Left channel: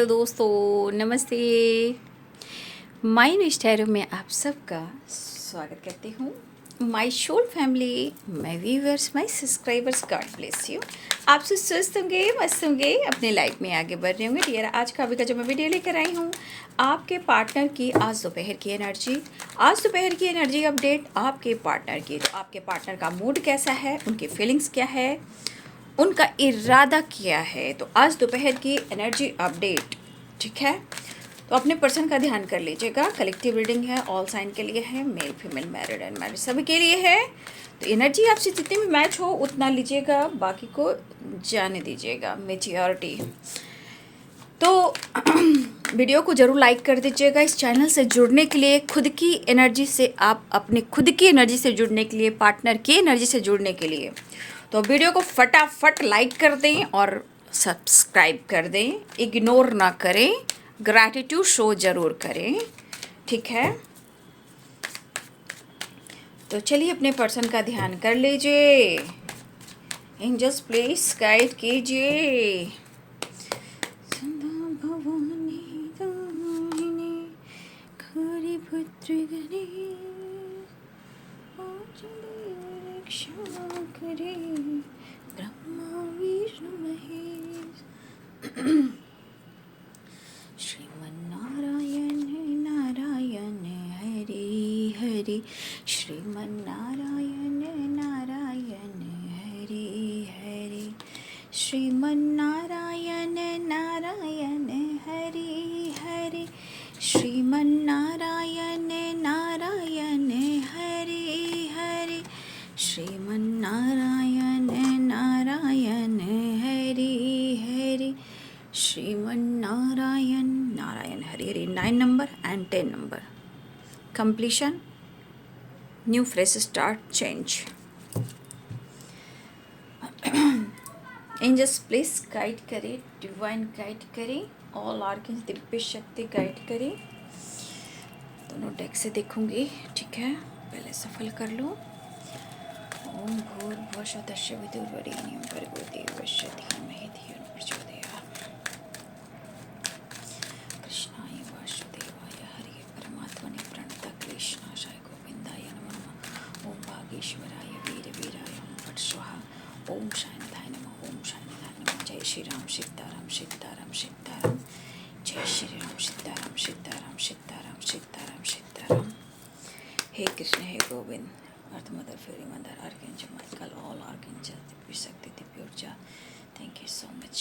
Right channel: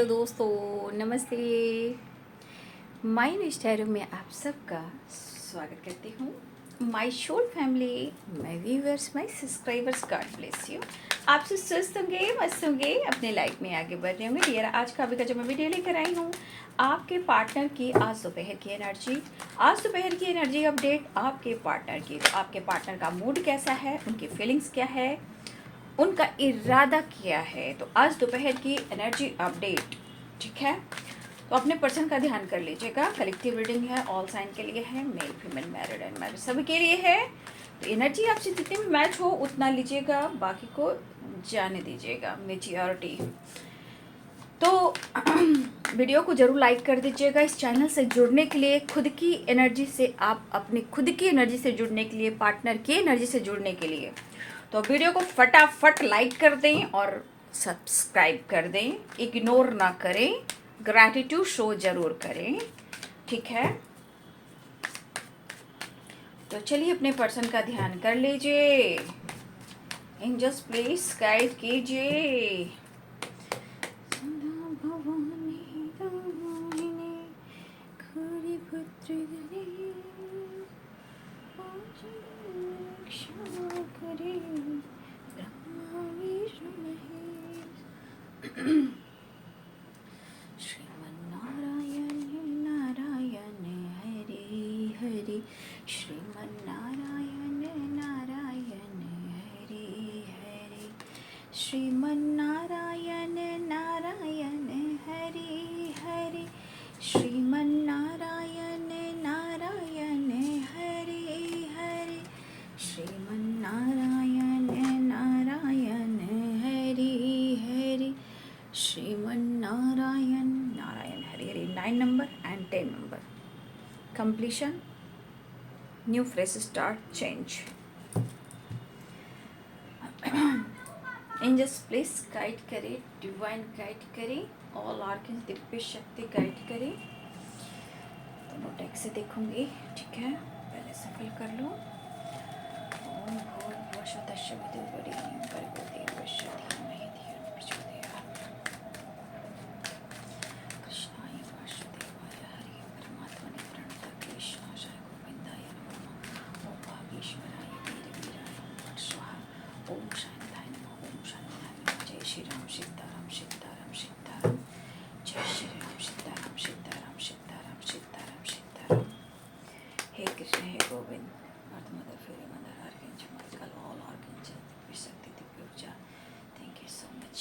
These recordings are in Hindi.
हेलो दोस्तों, नमस्ते। माय न्यू स्टाइल में आप सबका स्वागत करती हूँ। My soul family, my viewers, my subscribers, God bless you. आप सब स्वस्थ होंगे, मस्त होंगे, अपने लाइफ में आगे बढ़ रहे होंगे। डियर, आज का अभी का जो मैं वीडियो लेकर आई हूँ, आपके पार्टनर की आज दोपहर की एनर्जी, आज दोपहर की एनर्जी अपडेट आपके पार्टनर की। आपके पार्टनर का मूड कैसा है, उनकी फीलिंग्स क्या है, उनका इरादा क्या है। तो आज दोपहर की एनर्जी अपडेट, ठीक है। तो अपने पर्सन का ध्यान कर लीजिएगा। कलेक्टिव रीडिंग है, ऑल साइन के लिए है, male female married and married सभी के लिए है। तो एनर्जी आपसे जितने भी मैच हो उतना लीजिएगा, बाकी को जाने दीजिएगा। मेच्योरिटी तो वीडियो को ज़रूर लाइक कर दीजिएगा। इस चैनल से जुड़ने के लिए, खुद की एनर्जी से, आप अपने खुद की एनर्जी से जुड़ने के लिए, पार्टनर की एनर्जी से जुड़ने के लिए, तो वीडियो को फटाफट लाइक कर दें और सब्सक्राइब कर दें। इग्नोर ना करें, ग्रैटिट्यूड शो ज़रूर करें, ठीक है। तो चलिए अपने पर्सन का ध्यान कर लीजिए। एंजल्स प्लीज गाइड कीजिए। Shrimannarayan Narayan Hari Hari, Shrimannarayan Narayan Hari Hari, Shrimannarayan Narayan Hari Hari, Shrimannarayan Narayan Hari Hari, Shrimannarayan Narayan Hari Hari, Shrimannarayan Narayan Hari Hari. 9 number and 10 number, completion, new fresh start, change. Angels please guide करें, डिवाइन गाइड करें, ऑल आर्केंस दिव्य शक्ति गाइड करें। दोनों डेक से देखूंगी, ठीक है। पहले सफल कर लो। ओम भूर्भुवः स्वः वितुर्वरेण्यं भर्गो देवस्य धीमहि धियो न प्रचोदयात्। कृष्णाय वासुदेवाय हरिये परमात्मने प्रणतः क्लेशनाशाय गोविन्दाय नमः। ओम वागीश्वराय वीरवीराय नमः। फट् स्वाहा। ओम शान्ताय नमः। ओम शान्ताय नमः। जय श्री राम सीताराम सीताराम सीताराम, जय श्री राम सीताराम सीताराम सीताराम सीताराम सीताराम। हे कृष्ण, हे Govind, earth mother, fairy mother, archangel Michael, all archangel, दिव्य शक्ति, दिव्य ऊर्जा, थैंक यू सो मच।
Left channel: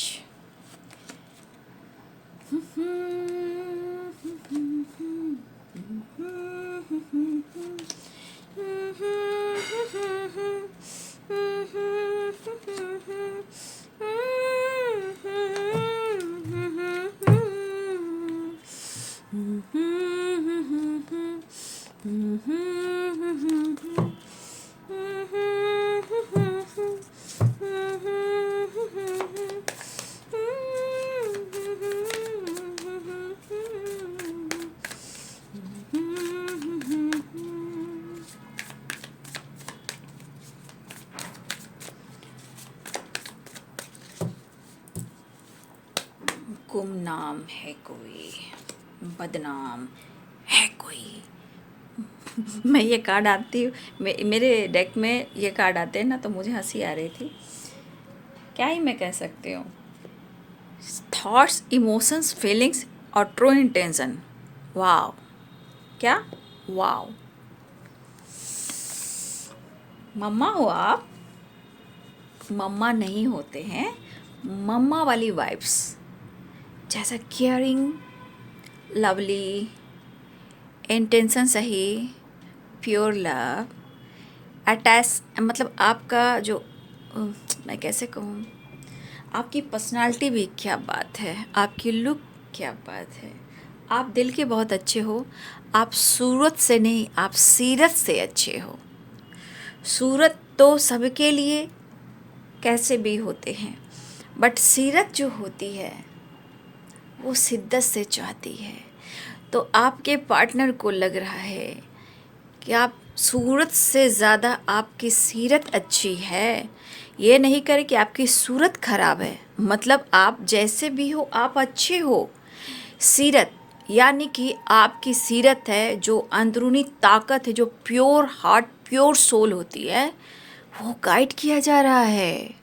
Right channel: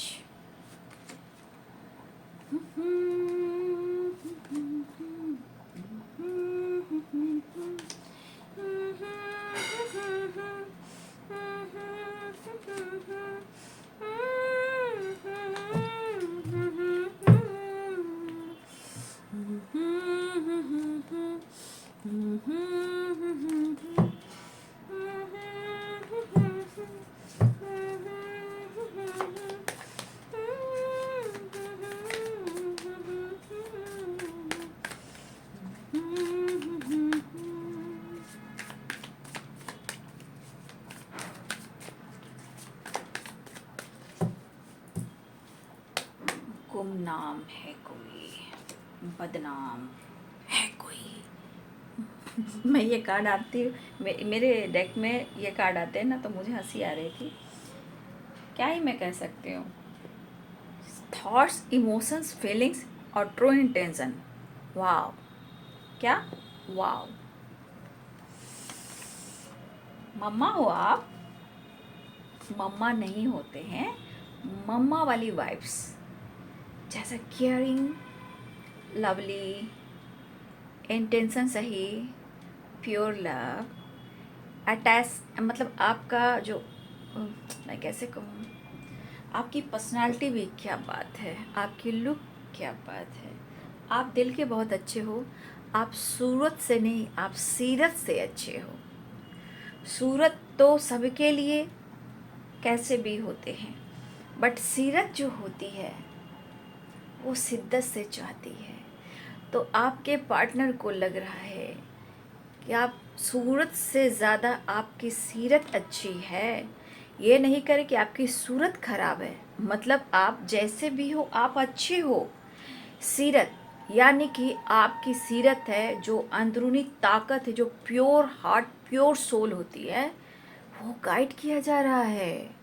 गुमनाम है कोई, बदनाम है कोई। मैं ये कार्ड आती हूँ, मेरे डेक में ये कार्ड आते हैं ना, तो मुझे हंसी आ रही थी। क्या ही मैं कह सकती हूँ। थॉट्स, इमोशंस, फीलिंग्स और ट्रू इंटेंशन। वाव, क्या वाव। मम्मा हो आप, मम्मा नहीं होते हैं। मम्मा वाली वाइब्स, जैसा केयरिंग, लवली, इंटेंशन सही, प्योर लव, अटैच, मतलब आपका जो मैं कैसे कहूँ, आपकी पर्सनालिटी भी क्या बात है, आपकी लुक क्या बात है। आप दिल के बहुत अच्छे हो। आप सूरत से नहीं, आप सीरत से अच्छे हो। सूरत तो सबके लिए कैसे भी होते हैं, बट सीरत जो होती है वो शिद्दत से चाहती है। तो आपके पार्टनर को लग रहा है कि आप सूरत से ज़्यादा आपकी सीरत अच्छी है। ये नहीं करे कि आपकी सूरत खराब है, मतलब आप जैसे भी हो आप अच्छे हो, सीरत यानी कि आपकी सीरत है, जो अंदरूनी ताकत है, जो प्योर हार्ट प्योर सोल होती है, वो गाइड किया जा रहा है।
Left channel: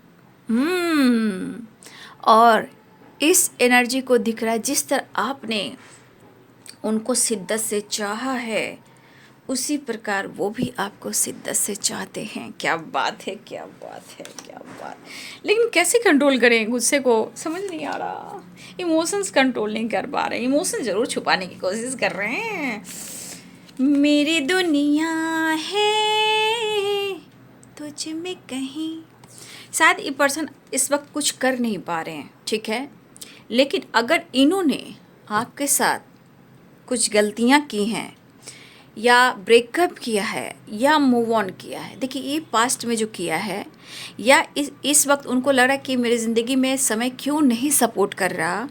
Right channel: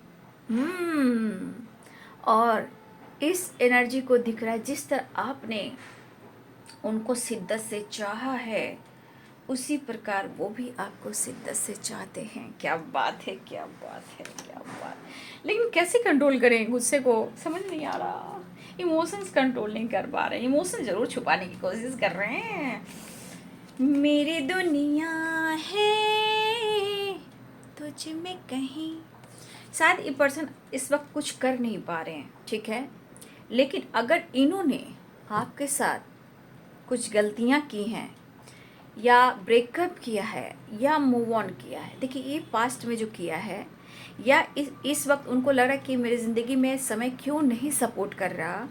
और इस एनर्जी को दिख रहा है, जिस तरह आपने उनको शिद्दत से चाहा है, उसी प्रकार वो भी आपको शिद्दत से चाहते हैं। क्या बात है, क्या बात है, क्या बात। लेकिन कैसे कंट्रोल करें गुस्से को, समझ नहीं आ रहा। इमोशंस कंट्रोल नहीं कर पा रहे, इमोशन ज़रूर छुपाने की कोशिश कर रहे हैं। मेरी दुनिया है तुझ में कहीं। शायद ये पर्सन इस वक्त कुछ कर नहीं पा रहे हैं, ठीक है, लेकिन अगर इन्होंने आपके साथ कुछ गलतियां की हैं, या ब्रेकअप किया है, या मूव ऑन किया है, देखिए ये पास्ट में जो किया है, या इस वक्त उनको लग रहा है कि मेरी ज़िंदगी में समय क्यों नहीं सपोर्ट कर रहा,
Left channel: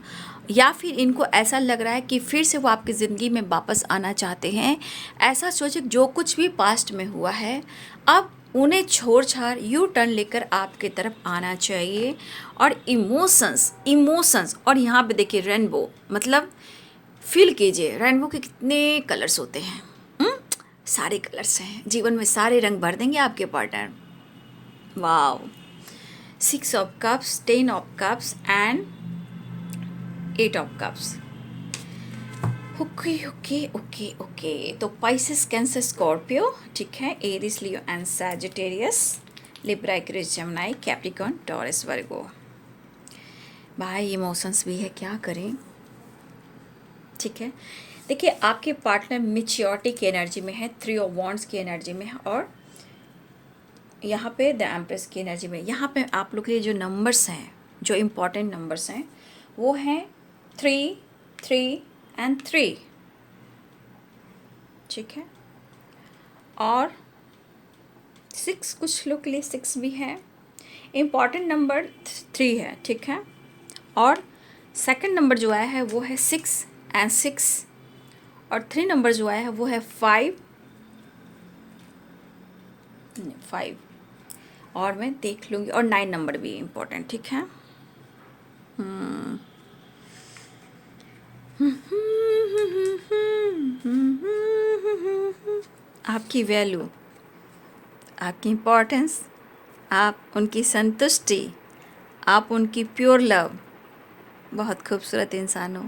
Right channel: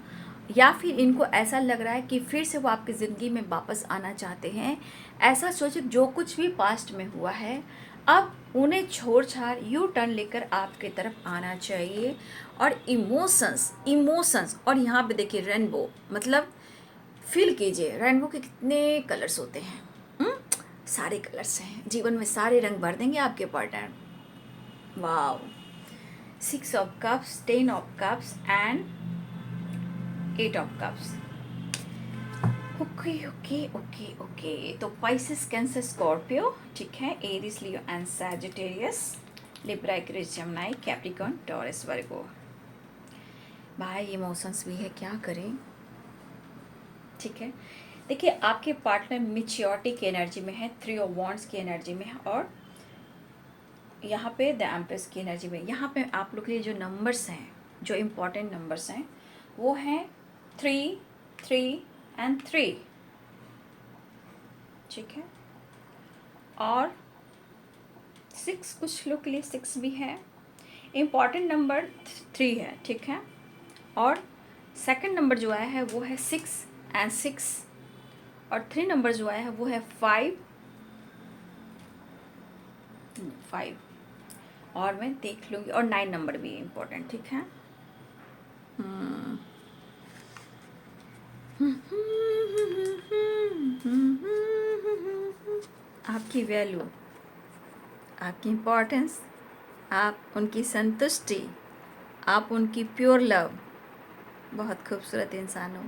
या फिर इनको ऐसा लग रहा है कि फिर से वो आपकी ज़िंदगी में वापस आना चाहते हैं। ऐसा सोचे जो कुछ भी पास्ट में हुआ है, अब उन्हें छोड़ छाड़ यू टर्न लेकर आपके तरफ आना चाहिए। और इमोशंस और यहाँ पे देखिए रेनबो, मतलब फील कीजिए रेनबो के कितने कलर्स होते हैं। सारे कलर्स हैं जीवन में, सारे रंग भर देंगे आपके partner. Wow, 6 of cups, 10 of cups and 8 of cups. Okay okay okay okay, तो पाइसेस, कैंसर, स्कॉर्पियो, ठीक है, Aries, Leo and Sagittarius, Libra, Aquarius, Gemini, Capricorn, Taurus, Virgo. भाई इमोशंस भी है, क्या करें, ठीक है। देखिए आपके पार्टनर मैच्योरिटी की एनर्जी में है, 3 ऑफ वॉन्ड्स की एनर्जी में है, और यहाँ पे द एम्प्रेस की एनर्जी में। यहाँ पे आप लोग के लिए जो नंबर्स हैं, जो इम्पोर्टेंट नंबर्स हैं, वो हैं 3, 3 एंड 3, ठीक है, और 6, कुछ लोग के लिए 6 भी है। इम्पॉर्टेंट नंबर 3 है, ठीक है, और सेकंड नंबर जो आया है वो है 6 एंड 6, और 3 नंबर जो आया है वो है 5, और मैं देख लूँगी, और 9 नंबर भी इम्पोर्टेंट, ठीक है। आपकी वैल्यू, आपकी इम्पोर्टेंस, आप उनकी संतुष्टि, आप उनकी प्योर लव, बहुत खूबसूरत इंसान हो।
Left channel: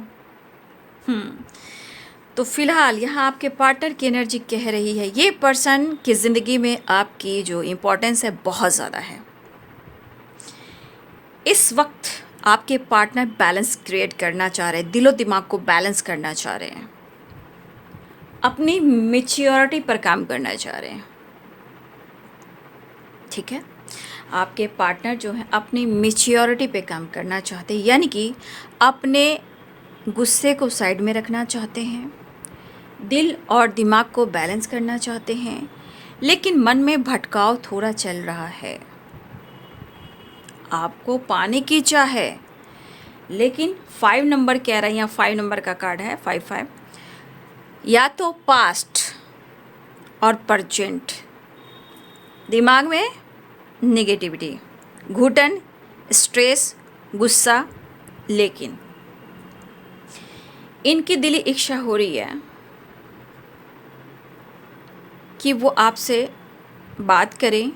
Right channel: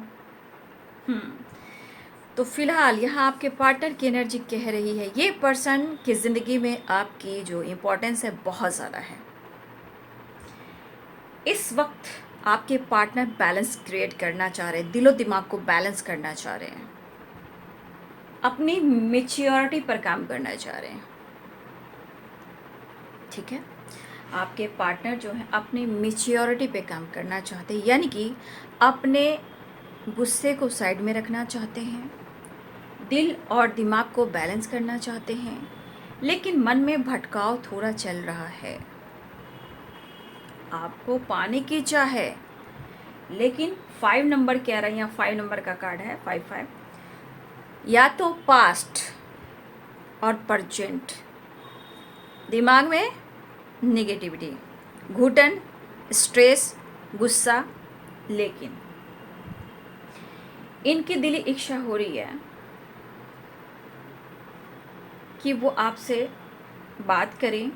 तो फिलहाल यहाँ आपके पार्टनर की एनर्जी कह रही है, ये पर्सन की ज़िंदगी में आपकी जो इम्पोर्टेंस है बहुत ज़्यादा है। इस वक्त आपके पार्टनर बैलेंस क्रिएट करना चाह रहे हैं, दिलो दिमाग को बैलेंस करना चाह रहे हैं, अपनी मैच्योरिटी पर काम करना चाह रहे हैं, ठीक है। आपके पार्टनर जो है अपनी मैच्योरिटी पे काम करना चाहते हैं, यानी कि अपने गुस्से को साइड में रखना चाहते हैं, दिल और दिमाग को बैलेंस करना चाहते हैं, लेकिन मन में भटकाव थोड़ा चल रहा है। आपको पाने की चाह है, लेकिन 5 नंबर कह रहा है, यहाँ 5 नंबर का कार्ड है, 5, या तो पास्ट और प्रेजेंट, दिमाग में नेगेटिविटी, घुटन, स्ट्रेस, गुस्सा, लेकिन इनकी दिली इच्छा हो रही है कि वो आपसे बात करें,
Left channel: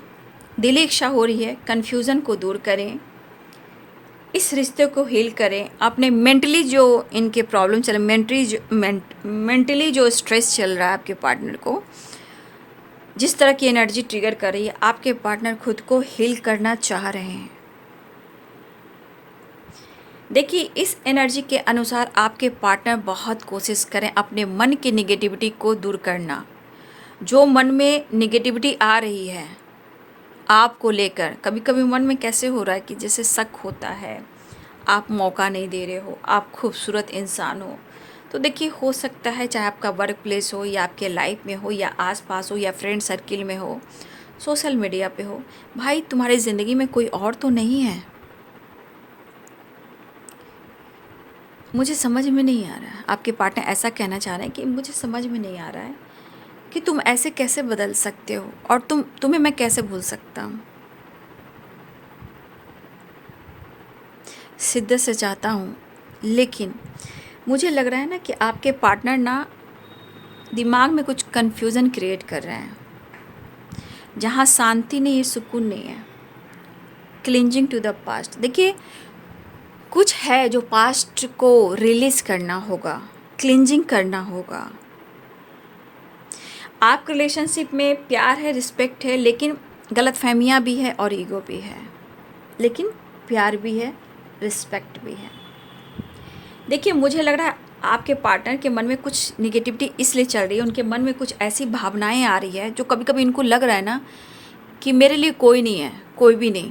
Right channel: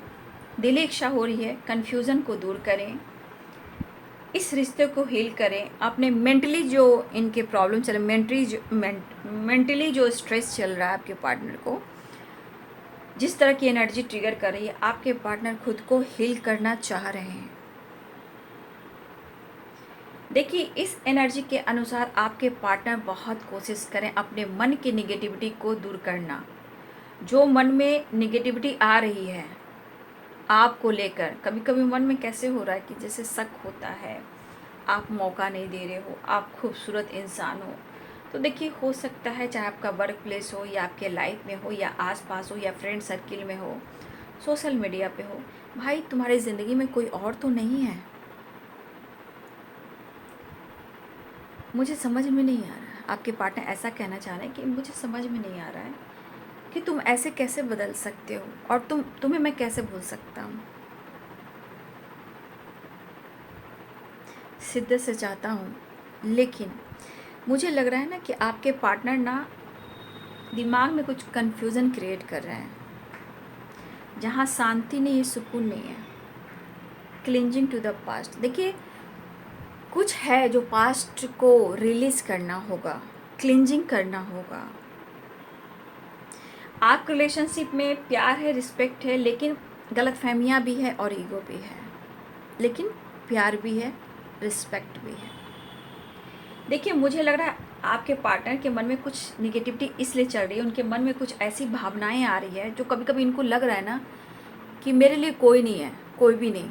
दिली इच्छा हो रही है कन्फ्यूज़न को दूर करें, इस रिश्ते को हील करें, अपने मेंटली जो इनके प्रॉब्लम चल मेंटली जो स्ट्रेस चल रहा है आपके पार्टनर को, जिस तरह की एनर्जी ट्रिगर कर रही है, आपके पार्टनर खुद को हील करना चाह रहे हैं। देखिए इस एनर्जी के अनुसार आपके पार्टनर बहुत कोशिश करें अपने मन की निगेटिविटी को दूर करना। जो मन में निगेटिविटी आ रही है आपको लेकर, कभी कभी मन में कैसे हो रहा है कि जैसे शक होता है, आप मौका नहीं दे रहे हो, आप खूबसूरत इंसान हो, तो देखिए हो सकता है चाहे आपका वर्क प्लेस हो, या आपके लाइफ में हो, या आसपास हो, या फ्रेंड सर्किल में हो, सोशल मीडिया पे हो, भाई तुम्हारी ज़िंदगी में कोई और तो नहीं है। मुझे समझ में नहीं आ रहा है, आपके पार्टनर ऐसा कहना चाह रहे हैं कि मुझे समझ में नहीं आ रहा है कि तुम ऐसे कैसे बदल सकते हो, और तुम्हें मैं कैसे भूल सकता हूँ। शिद्दत से चाहता हूँ, लेकिन मुझे लग रहा है ना कि आपके पार्टनर ना दिमाग में कुछ कन्फ्यूज़न क्रिएट कर रहे हैं, जहाँ शांति नहीं है, सुकून नहीं है। Clinging to the past. देखिए, कुछ है जो पास्ट को रिलीज़ करना होगा, क्लिंजिंग करना होगा। आपके रिलेशनशिप में प्यार है, रिस्पेक्ट है, लेकिन गलतफहमियाँ भी है और ईगो भी है। लेकिन प्यार भी है, रिस्पेक्ट भी है। देखिए, मुझे लग रहा है आपके पार्टनर के मन में कुछ निगेटिविटी इसलिए चल रही है, उनके मन में कुछ ऐसी भावनाएं आ रही है जो कभी कभी इनको लग रहा है ना कि मेरे लिए कोई नहीं है, कोई भी नहीं।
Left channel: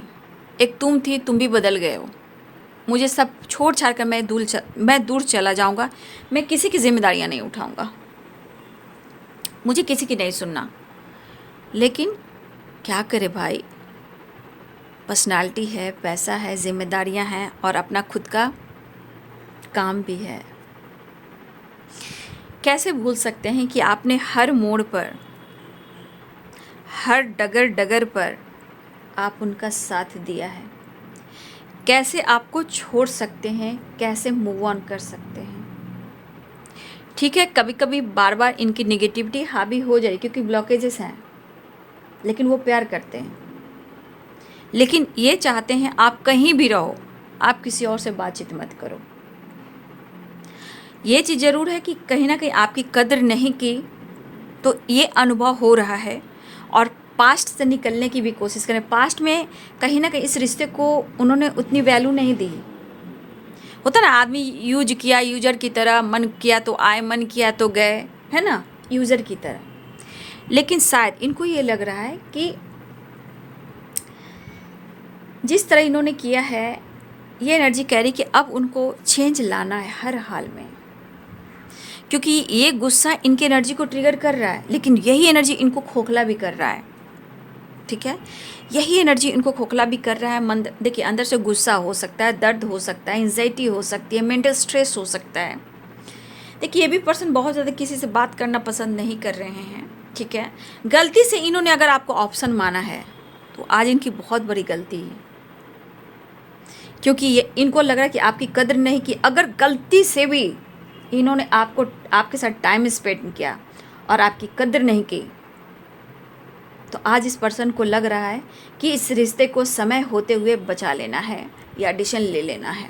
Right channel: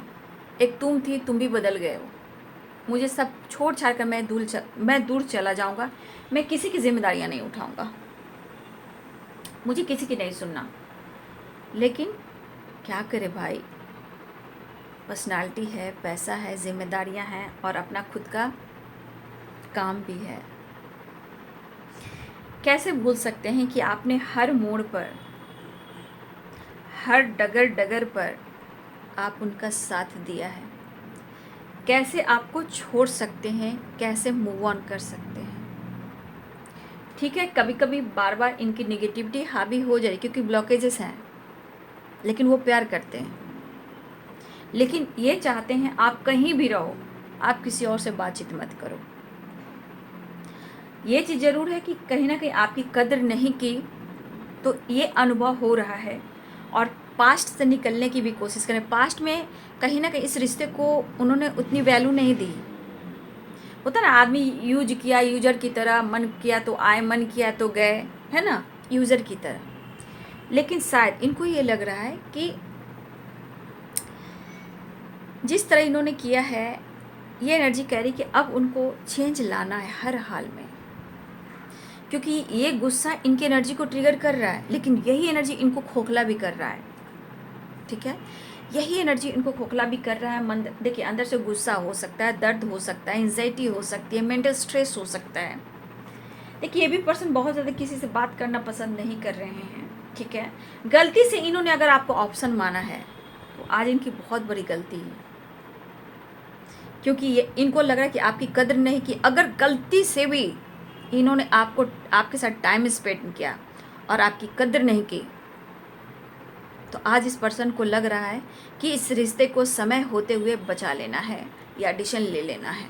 एक तुम थी, तुम भी बदल गए हो। मुझे सब छोड़ छाड़ कर मैं दूर चला जाऊंगा। मैं किसी की जिम्मेदारियां नहीं उठाऊंगा, मुझे किसी की नहीं सुनना। लेकिन क्या करे भाई, पर्सनालिटी है, पैसा है, जिम्मेदारियां हैं और अपना खुद का काम भी है। कैसे भूल सकते हैं कि आपने हर मोड़ पर, हर डगर डगर पर आप उनका साथ दिया है। कैसे आपको छोड़ सकते हैं, कैसे मूव ऑन कर सकते हैं। ठीक है, कभी कभी बार बार इनकी निगेटिविटी हावी हो जाए क्योंकि ब्लॉकेजेस हैं, लेकिन वो प्यार करते हैं। लेकिन ये चाहते हैं आप कहीं भी रहो, आप किसी और से बातचीत मत करो। ये चीज़ ज़रूर है कि कहीं ना कहीं आपकी कद्र नहीं की, तो ये अनुभव हो रहा है और पास्ट से निकलने की भी कोशिश करें। पास्ट में कहीं ना कहीं इस रिश्ते को उन्होंने उतनी वैल्यू नहीं दी। होता ना, आदमी यूज किया, यूजर की तरह, मन किया तो आए, मन किया तो गए, है ना, यूजर की तरह। लेकिन शायद इनको ये लग रहा है कि जिस तरह इन्होंने किया है, ये एनर्जी कह रही कि अब उनको चेंज लाना है हर हाल में, क्योंकि ये गुस्सा इनकी एनर्जी को ट्रिगर कर रहा है, लेकिन यही एनर्जी इनको खोखला भी कर रहा है। ठीक है, यही एनर्जी इनको खोखला भी कर रहा है। मन, देखिए, अंदर से गुस्सा हो सकता है, दर्द हो सकता है, एंजाइटी हो सकती है, मेंटल स्ट्रेस हो सकता है। देखिए, ये भी पर्सन बहुत ज़्यादा किसी से बात करना पसंद नहीं कर रहे हैं। ठीक है, गलती से इन्होंने अगर आपको ऑप्शन माना है तो आज इनकी बहुत बड़ी गलती है, क्योंकि ये इनको लग रहा है कि आपकी कदर नहीं की। अगर गलती से भी इन्होंने आपके साथ टाइम स्पेंड किया और आपकी कदर नहीं की, तो आज इस पर्सन को लग रहा है कि इस रिश्ते को समय होते हुए बचा लेना है या डिसीजन ले लेना है।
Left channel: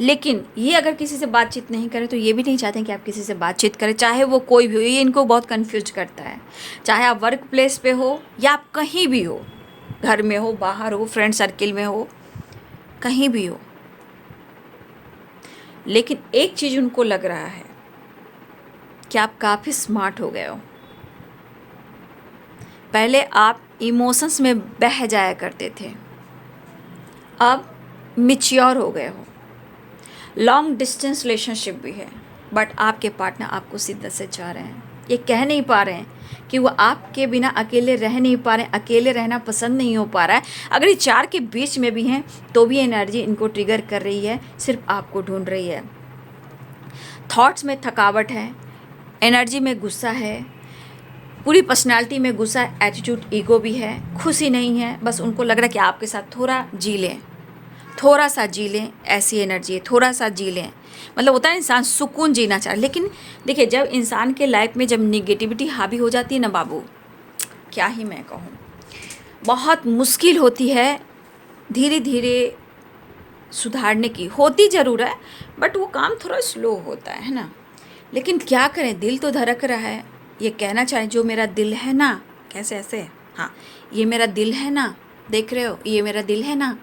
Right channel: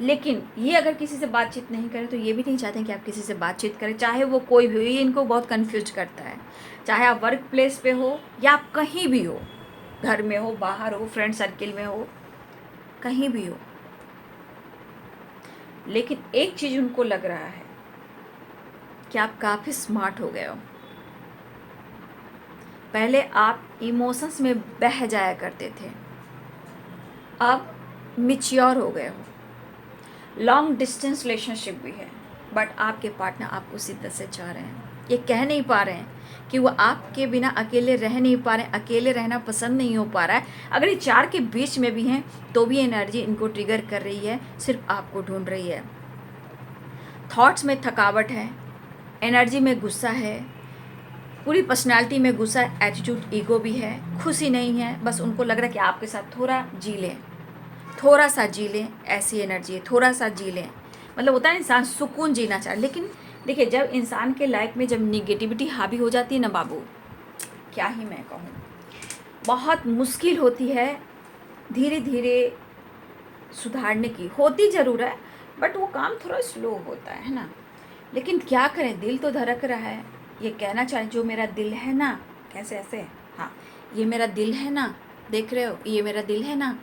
लेकिन ये अगर किसी से बातचीत नहीं करें तो ये भी नहीं चाहते कि आप किसी से बातचीत करें, चाहे वो कोई भी हो। ये इनको बहुत कंफ्यूज करता है, चाहे आप वर्क प्लेस पे हो या आप कहीं भी हो, घर में हो, बाहर हो, फ्रेंड सर्किल में हो, कहीं भी हो। लेकिन एक चीज़ उनको लग रहा है कि आप काफ़ी स्मार्ट हो गए हो। पहले आप इमोशंस में बह जाया करते थे, अब मैच्योर हो गए हो। लॉन्ग डिस्टेंस रिलेशनशिप भी है, बट आपके पार्टनर आपको शिद्दत से चाह रहे हैं। ये कह नहीं पा रहे हैं कि वो आपके बिना अकेले रह नहीं पा रहे हैं, अकेले रहना पसंद नहीं हो पा रहा है। अगर ये चार के बीच में भी हैं तो भी एनर्जी इनको ट्रिगर कर रही है, सिर्फ आपको ढूंढ रही है। थॉट्स में थकावट है, एनर्जी में गुस्सा है, पूरी पर्सनालिटी में गुस्सा, एटीट्यूड, ईगो भी है, खुशी नहीं है। बस उनको लग रहा है कि आपके साथ थोड़ा जी लें, थोड़ा सा जी लें, ऐसी एनर्जी है, थोड़ा सा जी लें। मतलब होता है इंसान सुकून जीना चाहे। लेकिन देखिए, जब इंसान के लाइफ में जब निगेटिविटी हावी हो जाती है ना बाबू, क्या ही मैं कहूँ, बहुत मुश्किल होती है धीरे धीरे सुधारने की। होती ज़रूर है, बट वो काम थोड़ा स्लो होता है ना। लेकिन क्या करें, दिल तो धड़क रहा है। ये कहना चाहे, जो मेरा दिल है ना, कैसे ऐसे, हाँ, ये मेरा दिल है ना, देख रहे हो, ये मेरा दिल है ना,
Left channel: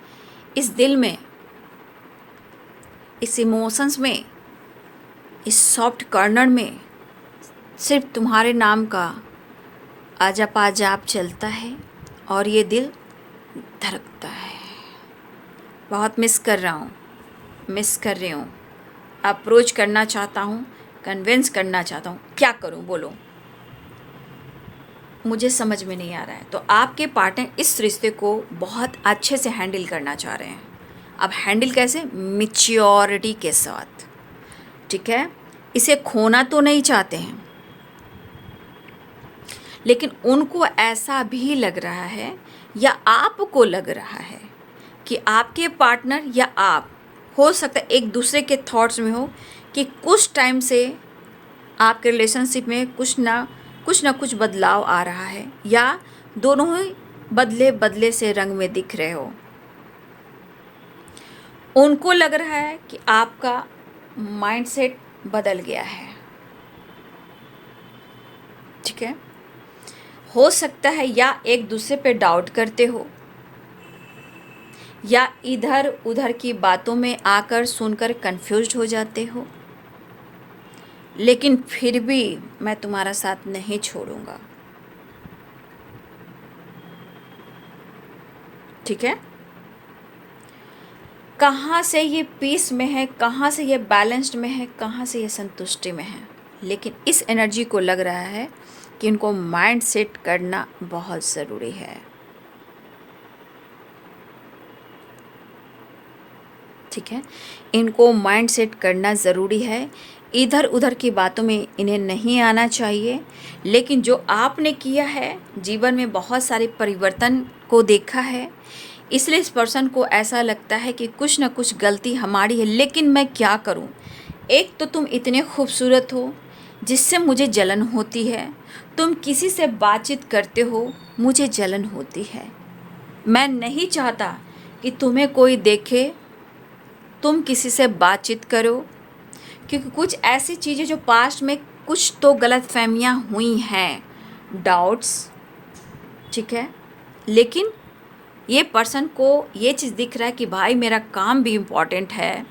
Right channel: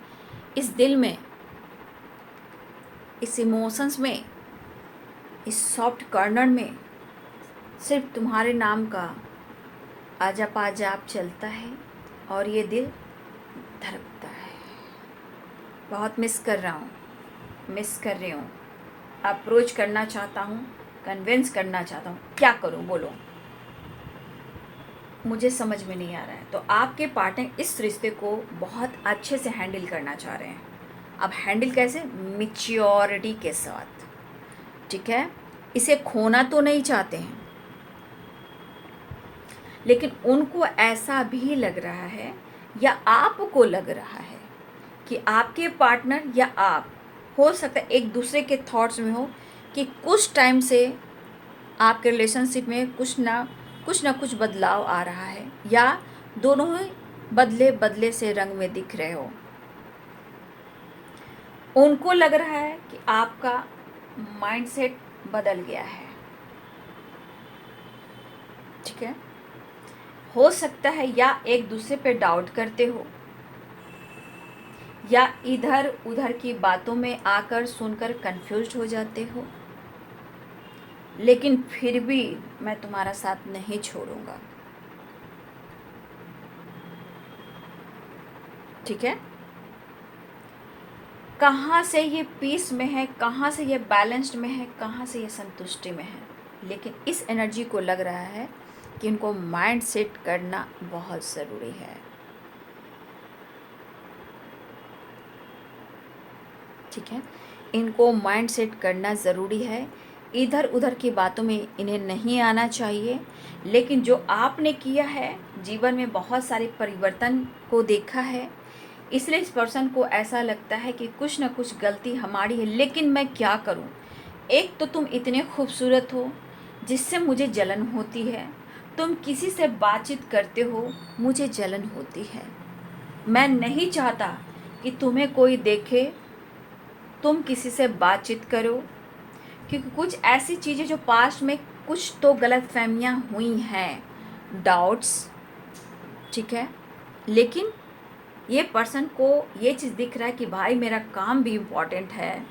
इस दिल में, इस इमोशंस में, इस सॉफ्ट कॉर्नर में सिर्फ तुम्हारे नाम का अजप अजाप चलता है और ये दिल धड़कता है। बहुत मिस कर रहा हूँ, मिस कर रही हूँ, अप्रोच करना चाहता हूँ, कन्विंस करना चाहता हूँ, क्या करूँ बोलो, मुझे समझ में नहीं आ रहा है। तो आपके पार्टनर इस रिश्ते को बहुत अच्छे से हैंडल करना चाह रहे हैं। अब हैंडल कैसे? मैच्योरिटी के साथ। ठीक है, इसे खोना तो नहीं चाहते हैं, लेकिन उनको ऐसा भी लग रहा है या आपको लग रहा है कि आपके पार्टनर या आप हो सकता है एक दूसरे के थॉट्स में हो कि कुछ टाइम से आपके रिलेशनशिप में कुछ ना कुछ बदलाव आ रहा है, या दोनों ही बदले बदले से रंग में दिख रहे हो। उनको लग रहा है कि आपका माइंडसेट बदल गया है। ठीक है, हो सकता है या एक दूसरे पे डाउट करते हो, या इधर उधर की बातों में आकर सुनकर कंफ्यूज्ड हो जाते हो, लेकिन फिर भी मैं तुम्हारा साथ नहीं छोड़ूंगा। ठीक है, कहाँ से ये पीस में है, कहाँ से ये बैलेंस्ड में है, कहाँ से ये संतुष्टि में है, लेकिन इस एनर्जी को लग रहा है कि इनको माइंड सेट करना बहुत ज़रूरी है। ठीक है, इनको माइंड सेट करना ज़रूरी है। इधर उधर की बातों में इन्हें नहीं आना चाहिए, लेकिन जो आपने किया है, जीवन में बहुत सारे परिवर्तन को देखा है, इसलिए इस पर्सन को ऐसा लगता है कि कुछ ना कुछ गलती हमारी है, लेकिन मैं क्या करूं। एक तो तुम इतने खूबसूरत हो जिससे मुझे जलन होती है, तुम किसी से बातचीत करते हो, मुझे जलन होती है। मैं नहीं चाहता कि तुम्हें कोई देखे, तुम किसी से बातचीत करो, क्योंकि कुछ ऐसी चीज़ें जो पास्ट में कुछ तो गलतफहमियां हुई हैं, डाउट्स। ठीक है, लेकिन ये पर्सन को ये चीज़ दिख रहा है कि भाई मेरा काम भी इम्पॉर्टेंट है।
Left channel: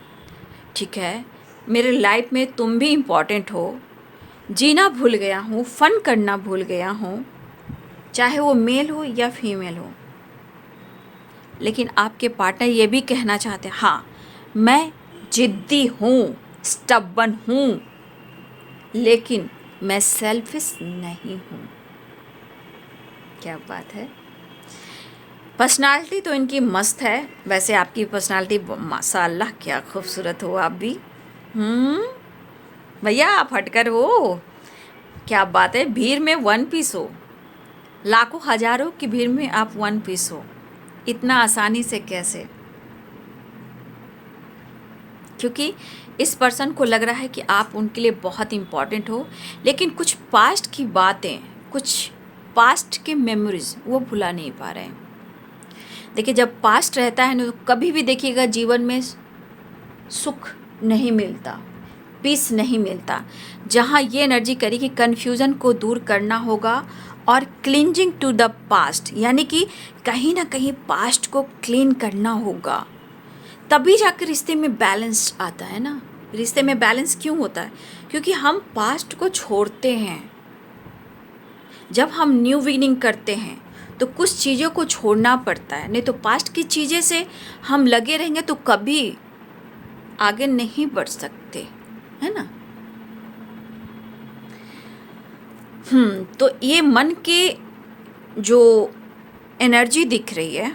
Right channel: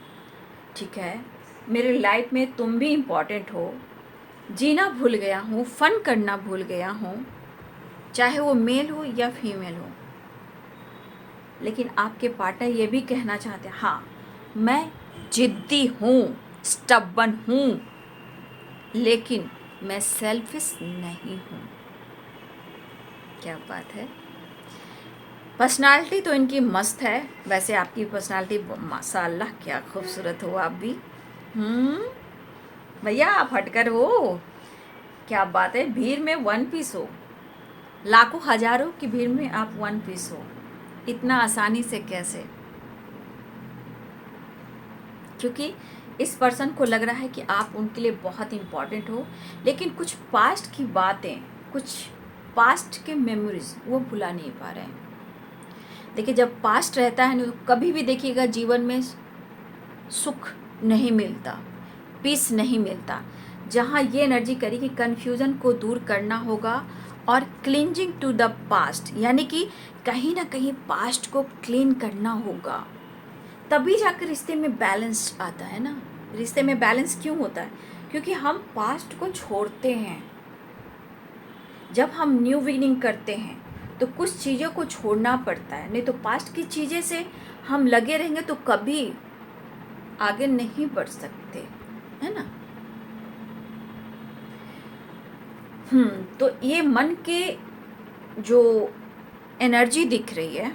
ठीक है, मेरे लाइफ में तुम भी इम्पॉर्टेंट हो। जीना भूल गया हूँ, फन करना भूल गया हूँ, चाहे वो मेल हो या फीमेल हो। लेकिन आपके पार्टनर ये भी कहना चाहते हैं, हाँ मैं जिद्दी हूँ, स्टबन हूँ, लेकिन मैं सेल्फिश नहीं हूँ। क्या बात है। पर्सनालिटी तो इनकी मस्त है। वैसे आपकी पर्सनालिटी माशाल्लाह क्या खूबसूरत हो आप भी। भैया आप हटकर हो, क्या बात है। भीड़ में वन पीस हो, लाखों हजारों की भीड़ में आप वन पीस हो, इतना आसानी से कैसे। क्योंकि इस पर्सन को लग रहा है कि आप उनके लिए बहुत इम्पॉर्टेंट हो, लेकिन कुछ पास्ट की बातें, कुछ पास्ट के मेमोरीज वो भुला नहीं पा रहे हैं। देखिए, जब पास्ट रहता है ना, तो कभी भी देखिएगा जीवन में सुख नहीं मिलता, पीस नहीं मिलता। जहाँ ये एनर्जी करी कि कन्फ्यूज़न को दूर करना होगा और क्लींजिंग टू द पास्ट, यानी कि कहीं ना कहीं पास्ट को क्लीन करना होगा, तभी जाकर रिश्ते में बैलेंस आता है ना। रिश्ते में बैलेंस क्यों होता है? क्योंकि हम पास्ट को छोड़ते हैं। जब हम न्यू बिगिनिंग करते हैं तो कुछ चीज़ों को छोड़ना पड़ता है, नहीं तो पास्ट की चीज़ें से हम लगे रहेंगे तो कभी आगे नहीं बढ़ सकते, है ना। तो ये मन के जो एनर्जी दिख रही है,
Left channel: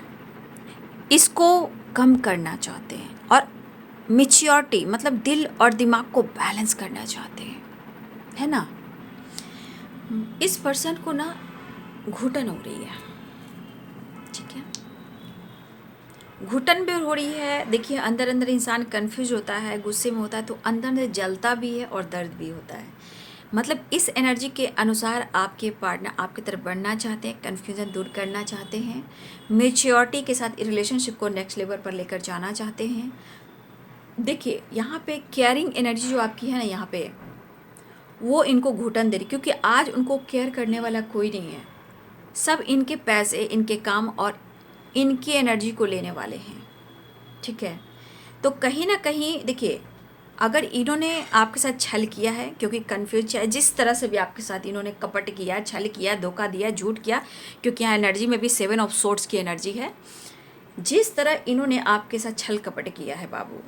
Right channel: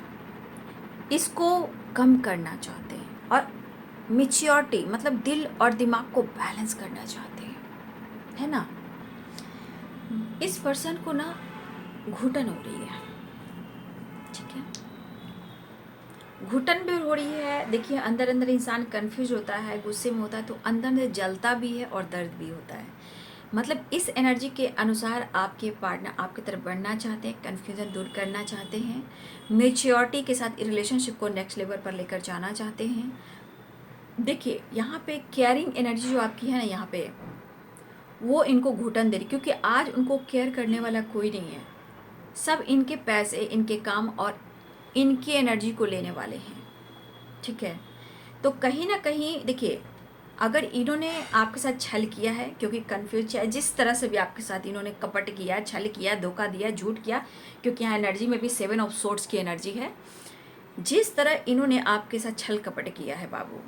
इसको कम करना चाहते हैं, और मैच्योरिटी मतलब दिल और दिमाग को बैलेंस करना चाहते हैं, है ना। इस पर्सन को ना घुटन हो रही है। ठीक है, घुटन भी हो रही है। देखिए, अंदर अंदर इंसान कंफ्यूज होता है, गुस्से में होता है, तो अंदर अंदर जलता भी है और दर्द भी होता है। मतलब इस एनर्जी के अनुसार आपके पार्टनर आपकी तरफ बढ़ना चाहते हैं, कन्फ्यूज़न दूर करना चाहते हैं, मेच्योरिटी के साथ रिलेशनशिप को नेक्स्ट लेवल पर लेकर जाना चाहते हैं। देखिए, यहाँ पे केयरिंग एनर्जी जो आपकी है ना, यहाँ पे वो इनको घुटन दे रही, क्योंकि आज उनको केयर करने वाला कोई नहीं है। सब इनके पैसे, इनके काम और इनकी एनर्जी को लेने वाले हैं। ठीक है, तो कहीं ना कहीं देखिए, अगर इन्होंने आपके साथ छल किया है, क्योंकि कन्फ्यूज है, जिस तरह से भी आपके साथ इन्होंने कपट किया, छल किया, धोखा दिया, झूठ किया, क्योंकि यहाँ एनर्जी में भी 7 ऑफ सोर्ड्स की एनर्जी है। जिस तरह इन्होंने आपके साथ छल कपट किया है बाबू,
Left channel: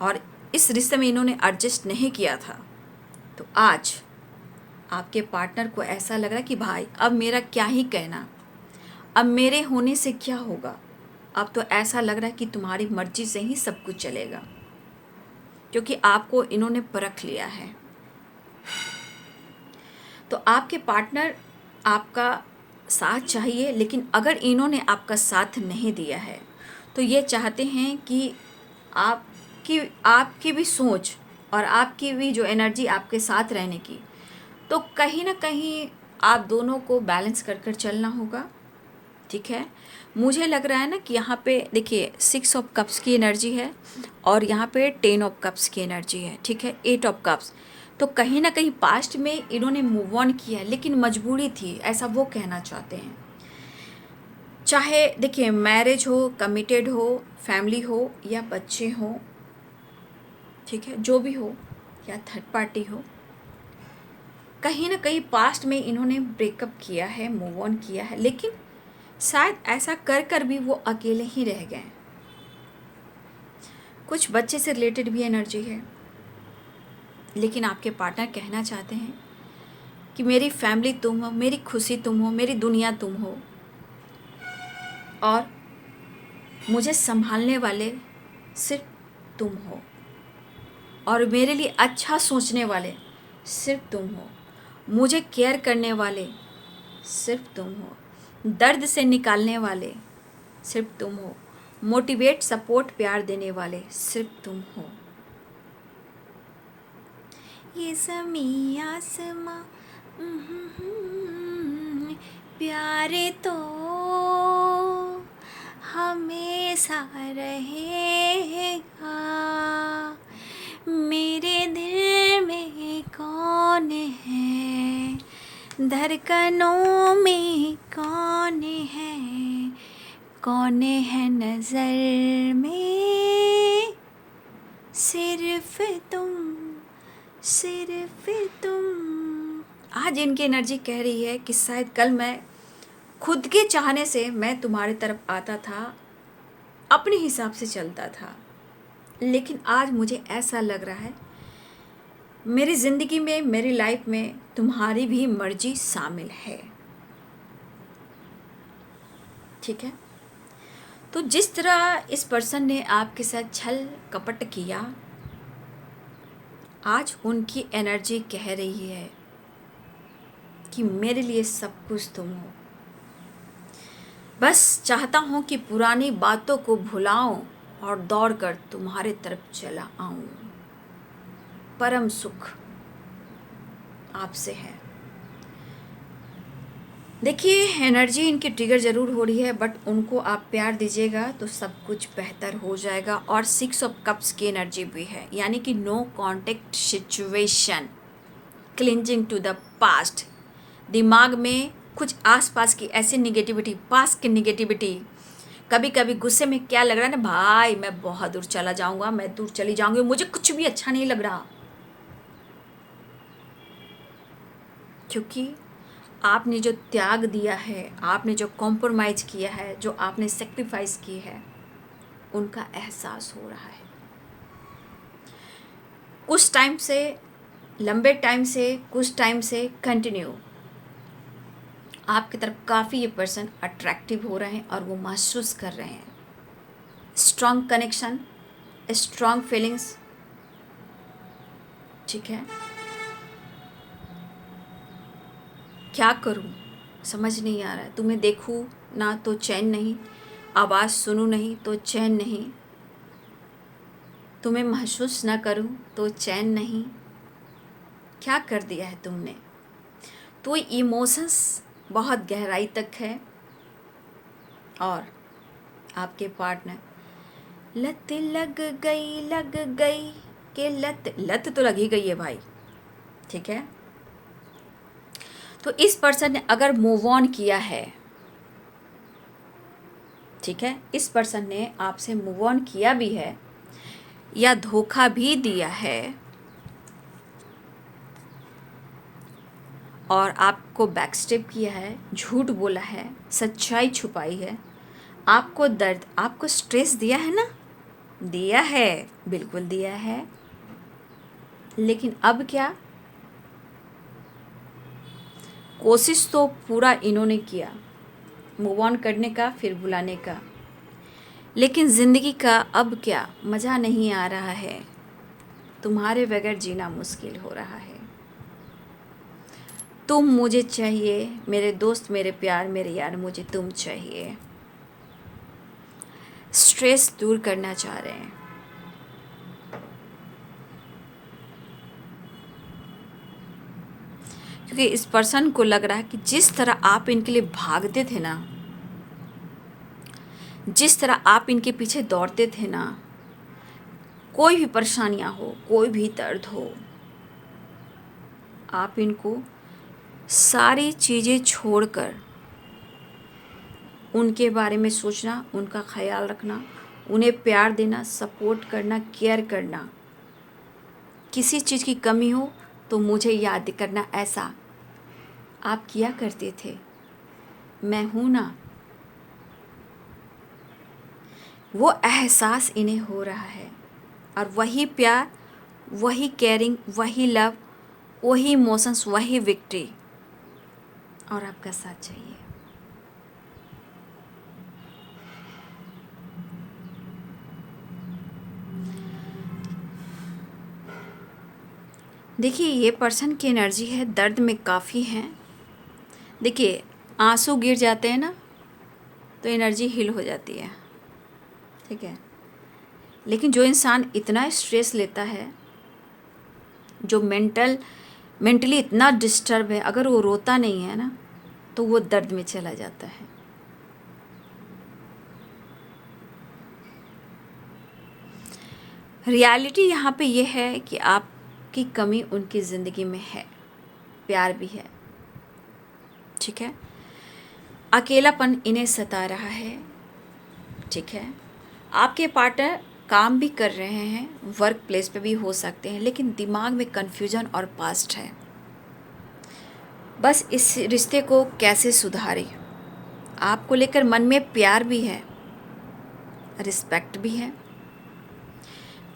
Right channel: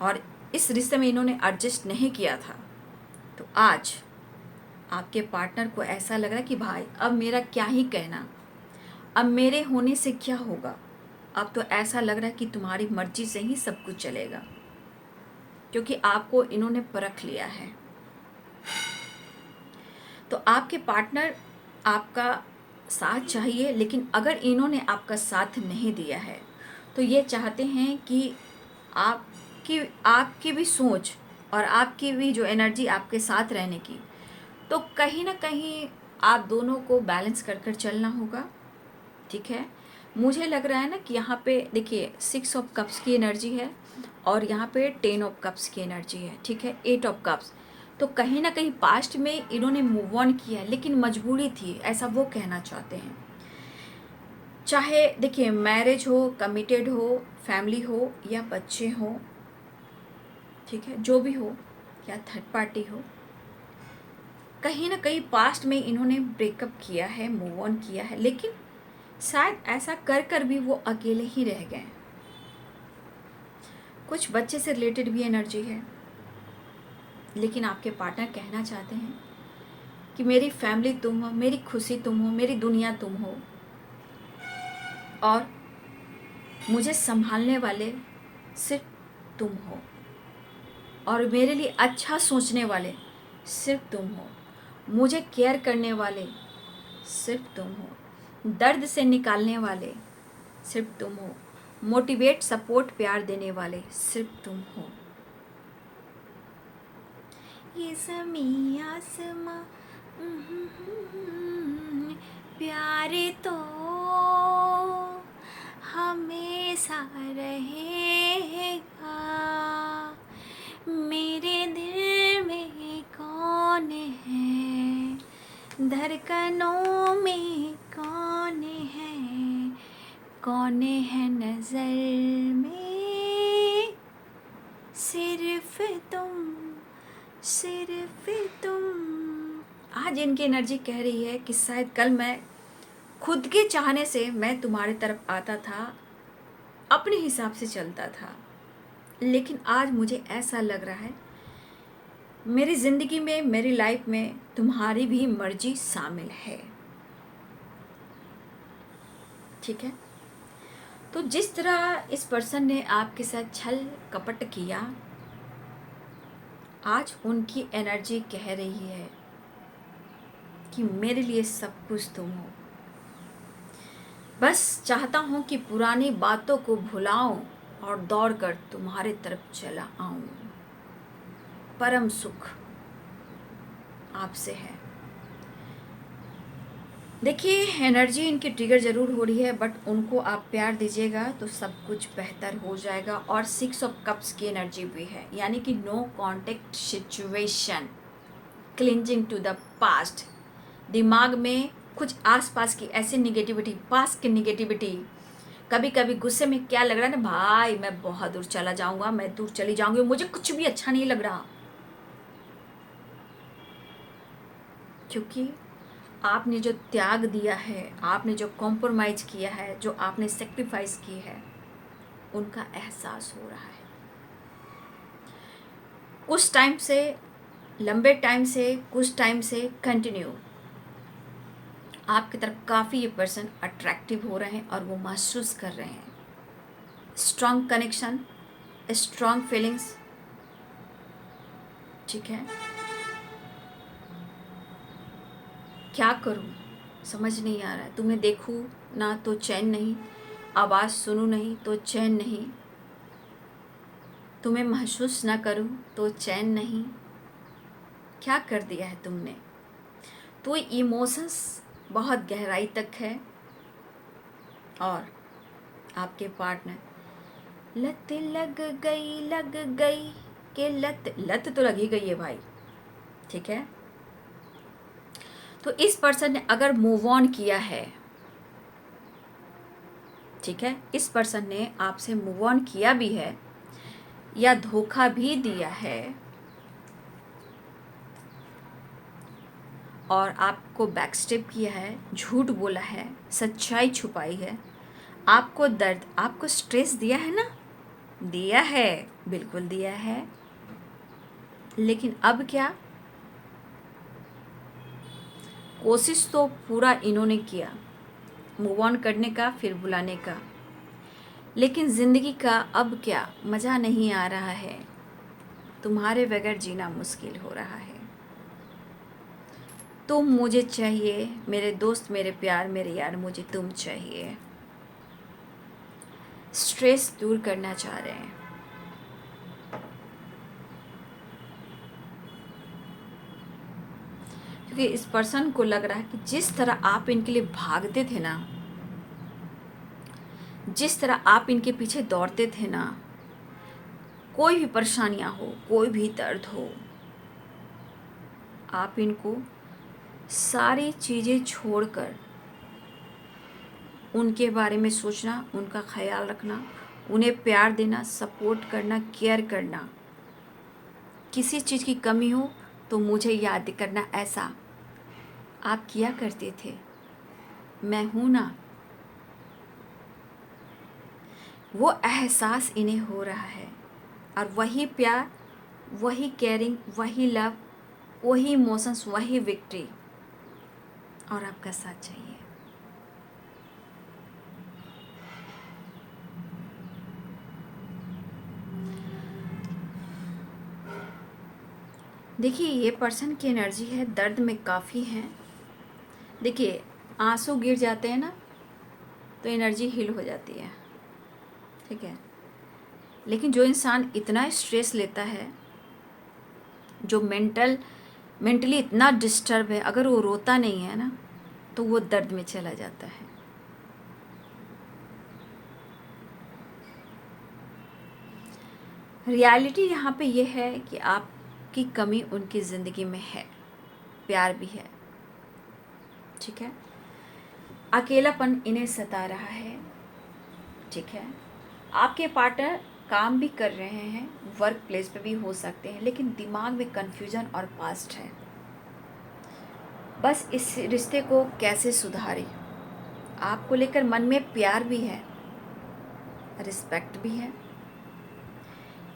और इस रिश्ते में इन्होंने एडजस्ट नहीं किया था, तो आज आपके पार्टनर को ऐसा लग रहा है कि भाई अब मेरा क्या ही कहना, अब मेरे होने से क्या होगा। अब तो ऐसा लग रहा है कि तुम्हारी मर्जी से ही सब कुछ चलेगा, क्योंकि आपको इन्होंने परख लिया है। तो आपके पार्टनर आपका साथ चाहिए, लेकिन अगर इन्होंने आपका साथ नहीं दिया है तो ये चाहते हैं कि आपकी आपकी भी सोच और आपकी भी जो एनर्जी आपके साथ रहने की, तो कहीं ना कहीं आप दोनों को बैलेंस कर कर चलना होगा। ठीक है, मुझे लग रहा है ना कि यहाँ पे देखिए 6 ऑफ कप्स की एनर्जी है और यहाँ पे 10 ऑफ कप्स की एनर्जी है। ठीक है, 8 ऑफ कप्स। तो कहीं ना कहीं पास्ट में इन्होंने मूव ऑन किया है, लेकिन मजबूरी थी, ऐसा वो कहना चाहते हैं। चाहे देखिए मैरिज हो, कमिटेड हो, फैमिली हो या बच्चे हो, ठीक है, जो भी हो, या थर्ड पार्टी हो, कहीं ना कहीं पास्ट में इन्होंने ब्रेकअप किया है, मूव ऑन किया है, लेकिन शायद ऐसा कर कर भी वो अकेले ही रह गए। कुछ बच्चे से रिलेटेड भी एनर्जी है, लेकिन आपके पार्टनर कहना चाहते हैं कि मेरी फैमिली तुम हो, मेरी खुशी तुम हो, मेरी दुनिया तुम हो, और मुझे संभालने वाले सिर्फ तुम हो, और मेरे लिए अच्छा सोचने वाले सिर्फ तुम हो, मुझे केयर करने वाले सिर्फ तुम हो, दर्द से निकालने वाले सिर्फ तुम हो, मोटिवेट सपोर्ट प्यार देने वाले सिर्फ तुम हो। ये ज़मीं आसमां प्यारे तो हमेशा रहेगा, मेरे दिल में कौन है, धड़कनों में कौन है, कौन है नज़र में, सिर्फ तुम, सिर्फ तुम। आज इनकी एनर्जी कह रही है कि शायद कल मैं खुद के चाहने से मैं तुम्हारी तरफ आता था, अपने हिसाब से चलता था, लेकिन आज मुझे ऐसा लग रहा है मेरी ज़िंदगी में, मेरी लाइफ में तुम्हारी भी मर्जी शामिल है। ठीक है, तो जिस तरह इस पर्सन ने आपके साथ छल कपट किया, आज उनकी एनर्जी कह रही है कि मेरे लिए सब कुछ तुम हो, बस चाहता हूँ कि पुरानी बातों को भुलाऊं और दौड़कर तुम्हारे तरफ चला आऊं, परम सुख आपसे है। देखिए एनर्जी इनकी ट्रिगर ज़रूर हो रही है, बट उनको आप प्यार दीजिएगा तो सब कुछ बेहतर हो जाएगा। और 6 ऑफ कप्स की एनर्जी भी है, यानी कि no contact situation, clinging to the past. दिमाग में कुछ आसपास की ऐसी निगेटिविटी, पास्ट की निगेटिविटी, कभी कभी गुस्से में क्या लग रहा है ना, भाई मैं बहुत दूर चला जाऊंगा, मैं दूर चली जाऊंगी, मुझे कुछ भी अच्छा नहीं लग रहा, क्योंकि आपने जो त्याग दिया है, आपने जो कॉम्प्रोमाइज़ किया है, जो आपने सेक्रीफाइस की है, उनका एहसास हो रहा है। कुछ टाइम से, लंबे टाइम से, कुछ टाइम से कंटिन्यू आपकी तरफ काफ़ी ये पर्सन अट्रैक्टिव हो रहे हैं और वो महसूस कर रहे हैं स्ट्रॉन्ग कनेक्शन, स्ट्रॉन्ग फीलिंग्स। ठीक है, क्या करूं समझ नहीं आ रहा, तुम्हें देखूं ना तो चैन नहीं, आवाज़ सुनूं नहीं तो चैन नहीं, तुम्हें महसूस ना करूं तो चैन नहीं, क्या कर दिया है तुमने। तो इमोशंस बहुत गहराई तक है, और आपके पार्टनर लत लग गई के लत, लत तो लग ही गई है भाई। ठीक है, तो इस पर्सन ने अगर मूव ऑन किया है, ठीक है, इस पर्सन ने आपसे मूव ऑन किया भी है या धोखा भी दिया है और आपको बैकस्टेप किया है, झूठ बोला है, सच्चाई छुपाई है, आपको दर्द, आपको स्ट्रेस दिया है ना, दिया है, बिल्कुल दिया है, लेकिन अब क्या, कोशिश तो पूरा इन्होंने किया मूव ऑन करने का, फिर बुलाने का, लेकिन ज़िंदगी का अब क्या मज़ा नहीं आ रहा है, तुम्हारे बगैर जीना मुश्किल हो रहा है, तुम मुझे चाहिए, मेरे दोस्त, मेरे प्यार, मेरे यार, मुझे तुम चाहिए। स्ट्रेस दूर करना चाह रहे हैं, क्योंकि इस पर्सन को लग रहा है कि जिस तरह आप इनके लिए भागते थे ना, जिस तरह आप इनके पीछे दौड़ते थे ना, कोई भी परेशानियां हो, कोई भी दर्द हो, आप इनको सारी चीज़ें छोड़कर उनके बारे में सोचना, उनका ख्याल रखना, उन्हें प्यार देना, सपोर्ट करना, केयर करना, किसी चीज़ की कमी हो तो मुझे याद करना, ऐसा आप किया करते थे। मैं हूँ ना, वो एहसास इन्हें हो रहा है। और वही प्यार, वही केयरिंग, वही लव, वही इमोशंस, वही विक्ट्री और आपका साथ चाहिए। देखिए, ये पर्सन की एनर्जी है, दर्द में काफ़ी है। देखिए, आंसू गिर जाते हैं ना तो एनर्जी हील हो जाती है, ठीक है। लेकिन जो इंसान इतना स्ट्रेस लेता है, जो मेंटली इतना डिस्टर्ब है, अगर वो रोता नहीं है ना तो वो दर्द में चला जाता है। रियलिटी यहाँ पे ये है कि आपकी कमी उनकी ज़िंदगी में है, प्यार भी है, ठीक है। अकेलापन इन्हें सता रहा है, ठीक है। आपके पार्टनर काम भी कर रहे हैं, वर्क प्लेस पे भी हो सकते हैं, लेकिन दिमाग में कन्फ्यूजन और पास्ट है। बस इस रिश्ते को कैसे सुधारें। आपको लेकर मन में प्यार भी है, रिस्पेक्ट भी है,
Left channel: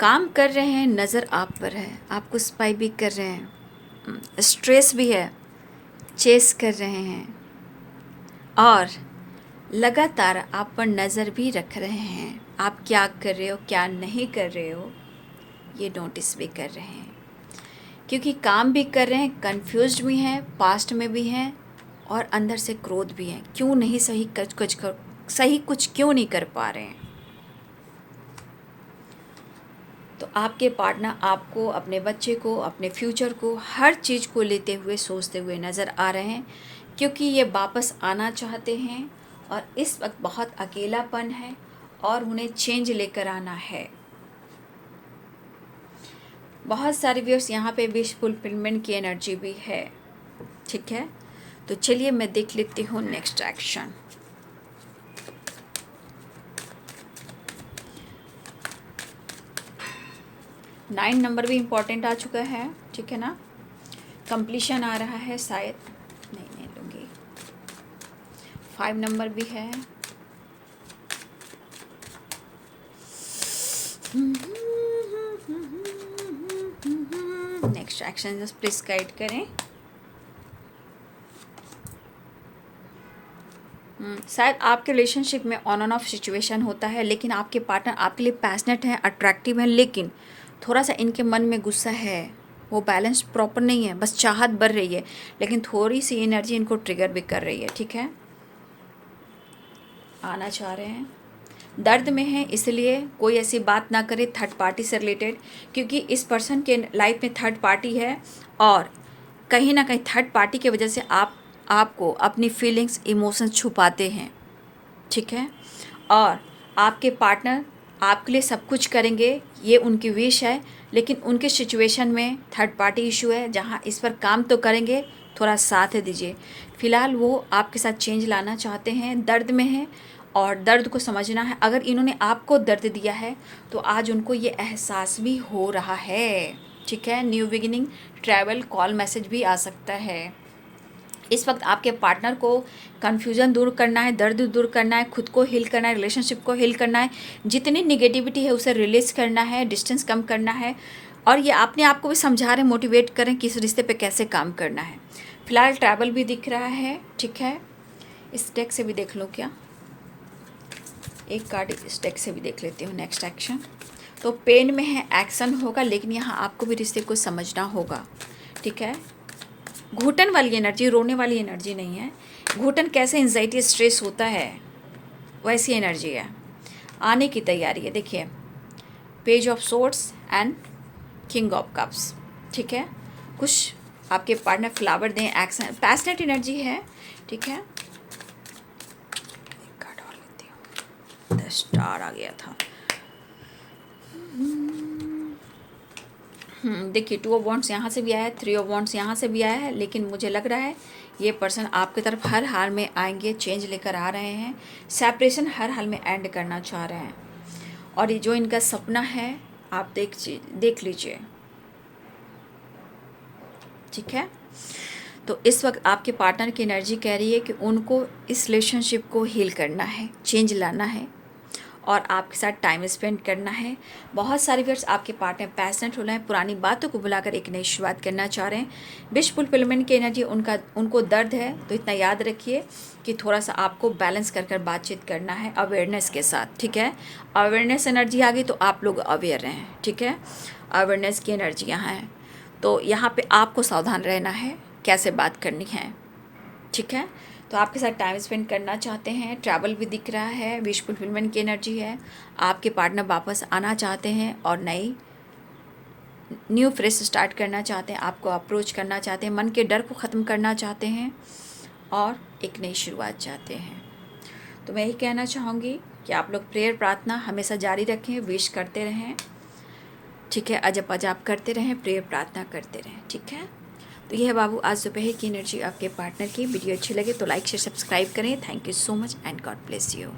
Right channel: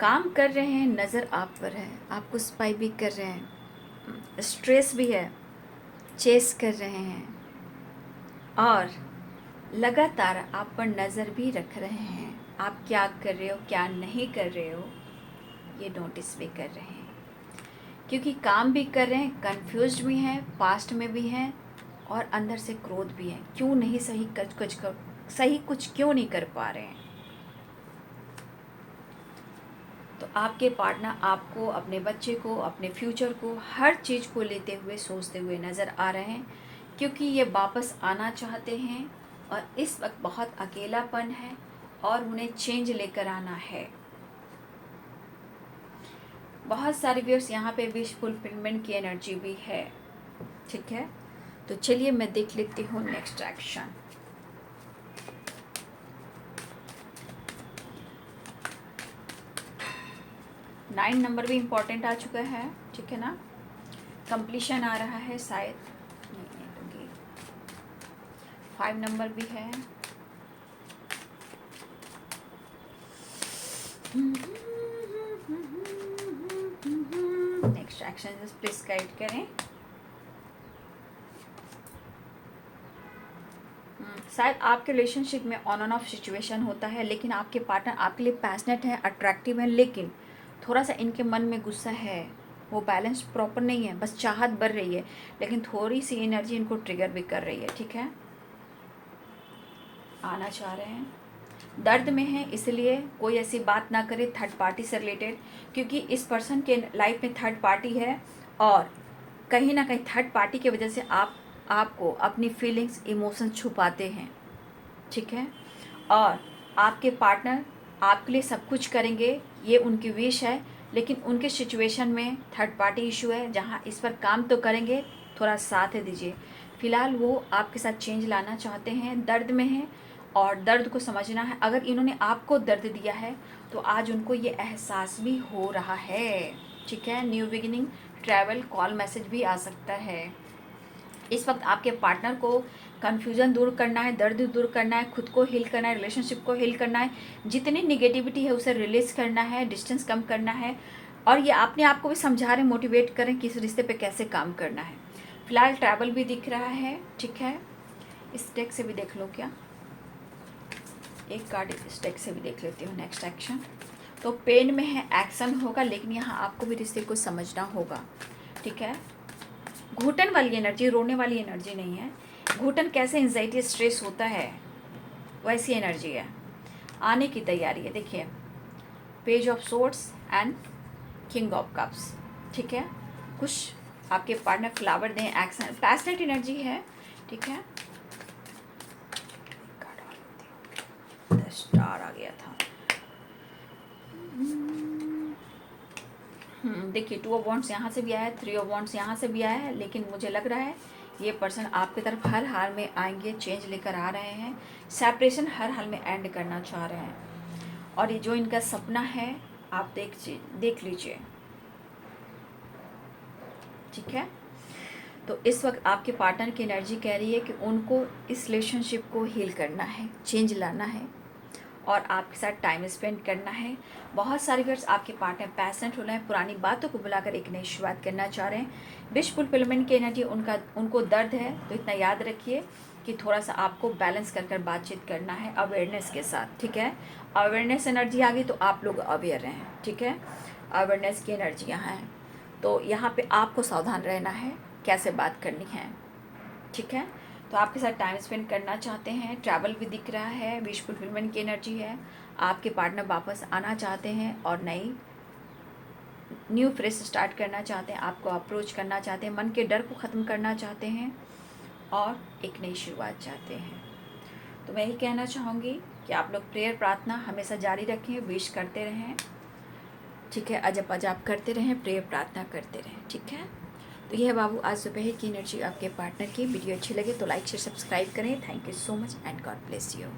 काम कर रहे हैं, नज़र आप पर है, आपको स्पाई भी कर रहे हैं, स्ट्रेस भी है, चेस कर रहे हैं और लगातार आप पर नज़र भी रख रहे हैं। आप क्या कर रहे हो, क्या नहीं कर रहे हो, ये नोटिस भी कर रहे हैं। क्योंकि काम भी कर रहे हैं, कंफ्यूज्ड भी हैं, पास्ट में भी हैं और अंदर से क्रोध भी है। क्यों नहीं सही कुछ क्यों नहीं कर पा रहे हैं। तो आपके पार्टनर आपको, अपने बच्चे को, अपने फ्यूचर को, हर चीज़ को लेते हुए, सोचते हुए नज़र आ रहे हैं, क्योंकि ये वापस आना चाहते हैं और इस वक्त बहुत अकेलापन है और उन्हें चेंज लेकर आना है। बहुत सारे व्यूअर्स यहाँ पे विश फुलफिलमेंट की एनर्जी भी है, ठीक है। तो चलिए मैं देख लेती हूँ नेक्स्ट एक्शन। नाइन नंबर भी इम्पोर्टेंट आ चुका है, ठीक है ना। कंप्लीशन आ रहा है शायद, नहीं लूँगी। 5 नंबर भी है। Next action just please guide करें। शायद आपके रिलेशनशिप में ऑन एंड ऑफ सिचुएशन होता है, लेकिन आपके पार्टनर आपके लिए पैशनेट है, अट्रैक्टिव है, लेकिन थोड़ा सा इनके मन में गुस्सा है, वो बैलेंस प्रॉपर नहीं है, बस चाहत बढ़ रही है, लेकिन थोड़ी सी एनर्जी इनको ट्रिगर भी कर रही है, ठीक है। आना चाह रहे हैं, दर्द में है, इसलिए कोई ऐसी बात ना करे थर्ड पार्टी से रिलेटेड, क्योंकि इस पर्सन के लाइफ में थर्ड पार्टी है और कहीं ना कहीं थर्ड पार्टी की वजह से आपको अपनी फीलिंग्स, इमोशंस छुपाते हैं, ठीक है। और आपके पार्टनर आपके लिए सब कुछ करेंगे, ये उनकी विश है, लेकिन उनके सिचुएशन में थर्ड पार्टी इशू है, जहाँ इस पर काम तो करेंगे, थोड़ा साथ दीजिए। फ़िलहाल वो आपके साथ चेंज लाना चाहते हैं, दर्द में हैं और दर्द को समझना है। अगर इन्होंने आपको दर्द दिया है तो आज उनको ये एहसास भी हो रहा है, ठीक है। New beginning, travel, call, message भी आ सकता है। इस वक्त आपके पार्टनर को कन्फ्यूज़न दूर करना है, दर्द दूर करना है, खुद को हील करना है, रिलेशनशिप को हील करना है, जितनी निगेटिविटी है उसे रिलीज़ करना है, डिस्टेंस कम करना है और ये अपने आप को भी समझा रहे, मोटिवेट करें कि इस रिश्ते पे कैसे काम करना है। फिलहाल ट्रैवल भी दिख रहा है, ठीक है। इस डेक से भी देख लो, क्या एक कार्ड इस डेक से भी देख लेती हूँ। नेक्स्ट एक्शन, तो पेन में है, एक्शन होगा, लेकिन यहाँ आपको भी रिश्ते को समझना होगा, ठीक है। घुटन वाली एनर्जी, रोने वाली एनर्जी नहीं है। घुटन कैसे एंजाइटी, स्ट्रेस होता है, वैसी एनर्जी है, आने की तैयारी है। देखिए, page of swords and king of cups, ठीक है। कुछ आपके पार्टनर फ्लावर दें, एक्शन, पैशनेट एनर्जी है, ठीक है। द स्टार आ गया था। देखिए 2 ऑफ वॉन्ड्स यहाँ से भी आया है, 3 ऑफ वॉन्ड्स यहाँ से भी आया है, लेकिन मुझे लग रहा है ये पर्सन आपकी तरफ हर हाल में आएंगे, चेंज लेकर आ रहे हैं, सेपरेशन हर हाल में एंड करना चाह रहे हैं। और ये जो इनका सपना है आप देख लीजिए, ठीक है। तो इस वक्त आपके पार्टनर की एनर्जी कह रही है कि उनको इस रिलेशनशिप को हील करना है, चेंज लाना है और आपके साथ टाइम स्पेंड करना है। बहुत सारे व्यूअर्स आपके पार्टनर पैशनेट हो रहे हैं, पुरानी बातों को बुलाकर एक नई शुरुआत करना चाह रहे हैं। विश फुलफिलमेंट की एनर्जी उनको दर्द है, तो इतना याद रखिए कि थोड़ा सा आपको बैलेंस कर बातचीत करना है अवेयरनेस के साथ, ठीक है। अवेयरनेस एनर्जी आ गई तो आप लोग अवेयर रहें, ठीक है। अवेयरनेस की एनर्जी यहाँ है, तो यहाँ पे आपको सावधान रहना है कैसे बात करनी है, ठीक है। तो आपके साथ टाइम स्पेंड करना चाहते हैं, ट्रैवल भी दिख रहा है, विश फुलफिलमेंट की एनर्जी है, आपके पार्टनर वापस आना चाहते हैं और न्यू फ्रेश स्टार्ट करना चाहते हैं, आपको अप्रोच करना चाहते हैं, मन के डर को ख़त्म करना चाहते हैं और एक नई शुरुआत चाहते हैं। तो मैं यही कहना चाहूँगी कि आप लोग प्रेयर प्रार्थना हमेशा जारी रखें, विश करते रहें, ठीक है। अजब अजाब करते रहें, प्रेयर प्रार्थना करते रहें, ठीक है। तो यह है बाबू आज दोपहर की एनर्जी आपके पार्टनर की। वीडियो अच्छी लगे तो लाइक शेयर सब्सक्राइब करें। Thank you so much and God bless you.